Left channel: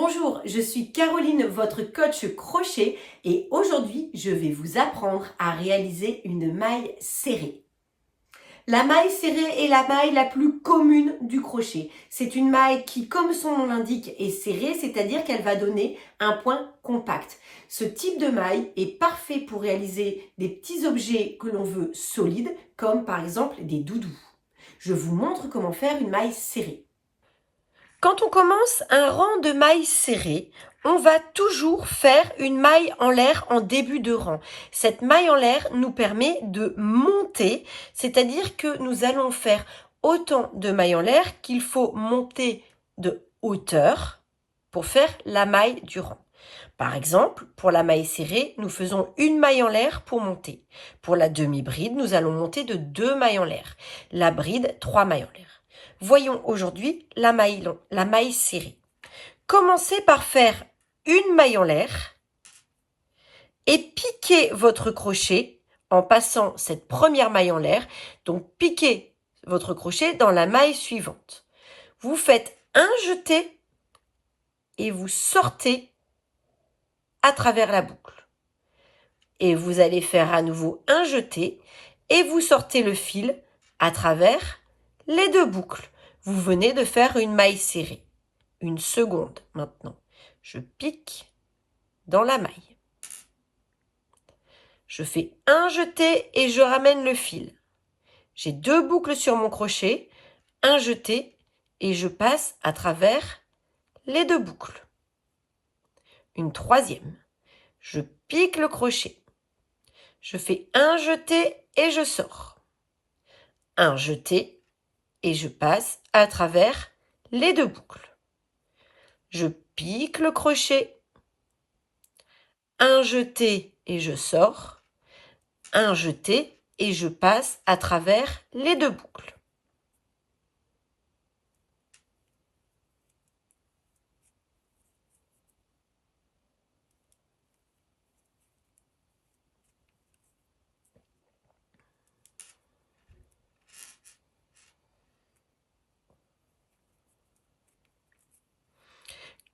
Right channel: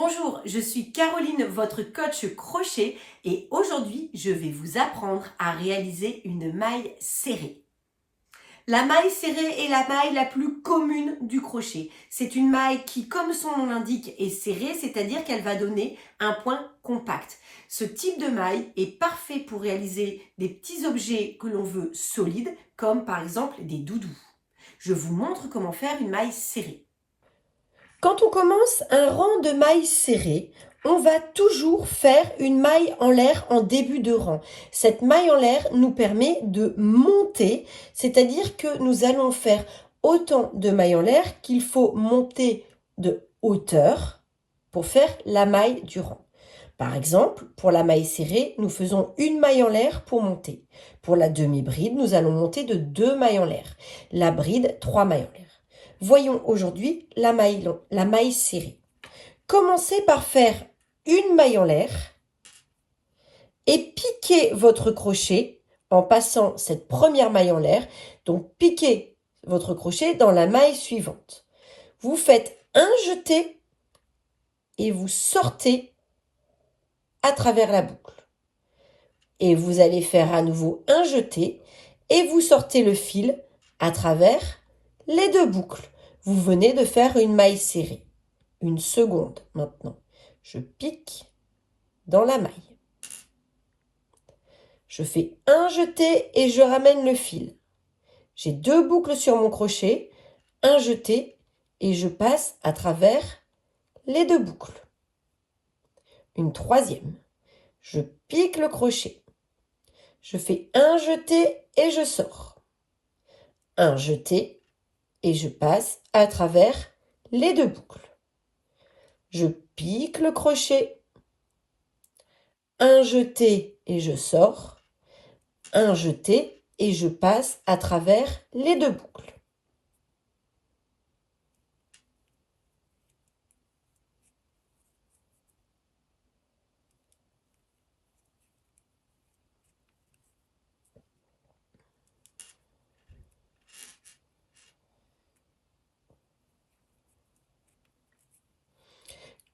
Bonjour, je suis Caroline, votre coach crochet et aujourd'hui, je vais vous apprendre à réaliser une maille serrée. La maille serrée est la maille la plus commune du crochet. C'est une maille qui, comme son nom l'indique, est serrée, c'est-à-dire qu'elle va donner un point compact. Ce type de maille est parfait pour réaliser des petits objets que l'on veut solides, comme par exemple des doudous. Je vous montre comment faire une maille serrée. Quand on commence un rang de mailles serrées, on va toujours faire une maille en l'air en début de rang. Cette maille en l'air nous permet de monter, c'est-à-dire que nous allons faire autant de mailles en l'air qu'il faut monter de hauteur pour faire la maille du rang. Par exemple, pour la maille serrée, nous faisons une maille en l'air pour monter. Pour la demi-bride, nous allons monter de 2 mailles en l'air. La bride, 3 mailles en l'air. Voyons aujourd'hui la maille serrée. Commencez par faire une maille en l'air et piquez votre crochet en passant cette première maille en l'air. Donc, piquez votre crochet dans la maille suivante. Vous faites un jeté et vous sortez à travers la boucle. Et vous allez faire à nouveau un jeté et vous sortez le fil à travers les deux boucles. Vous venez de faire une maille serrée. Une seconde maintenant. Je pique dans la maille. Je fais un jeté et je ramène le fil. J'ai deux boucles sur mon crochet, un jeté et je passe à travers les deux boucles. Une troisième. Je pique le crochet. Je fais un jeté et je sors. Un jeté et je passe à travers les deux boucles. Je pique le crochet. Un jeté et je sors. Un jeté et je passe à travers les deux boucles.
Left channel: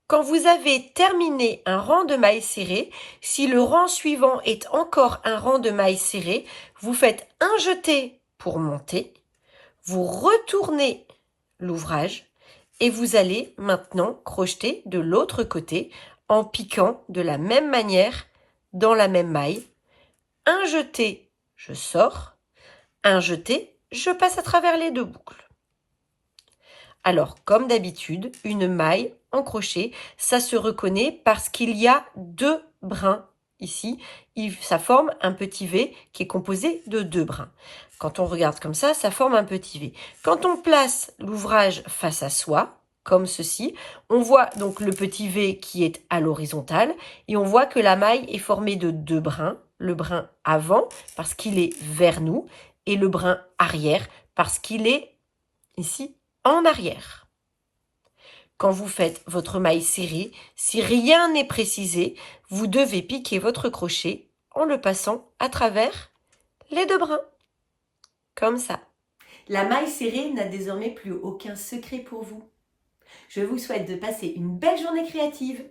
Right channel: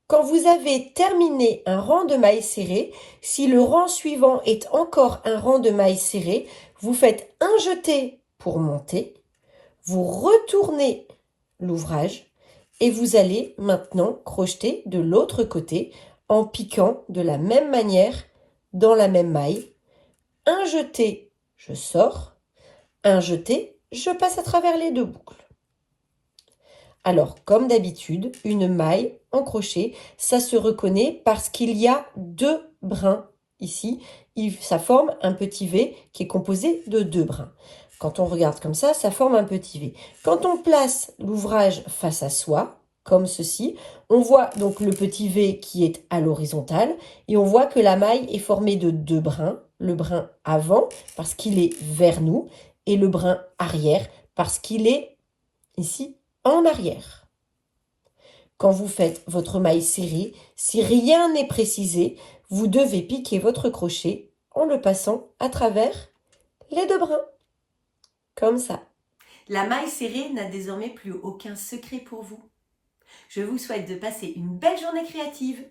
Quand vous avez terminé un rang de mailles serrées, si le rang suivant est encore un rang de mailles serrées, vous faites un jeté pour monter, vous retournez l'ouvrage et vous allez maintenant crocheter de l'autre côté en piquant de la même manière dans la même maille. Un jeté, je sors, un jeté, je passe à travers les deux boucles. Alors, comme d'habitude, une maille en crochet, ça se reconnaît parce qu'il y a deux brins ici. Ça forme un petit V qui est composé de deux brins. Quand on regarde comme ça forme un petit V. Quand on place l'ouvrage face à soi, comme ceci, on voit donc le petit V qui est à l'horizontale et on voit que la maille est formée de deux brins. Le brin avant parce qu'il est vers nous et le brin arrière parce qu'il est ici en arrière. Quand vous faites votre maille serrée, si rien n'est précisé, vous devez piquer votre crochet en le passant à travers les deux brins. Comme ça. La maille serrée n'a désormais plus aucun secret pour vous. Je vous souhaite de passer une belle journée créative.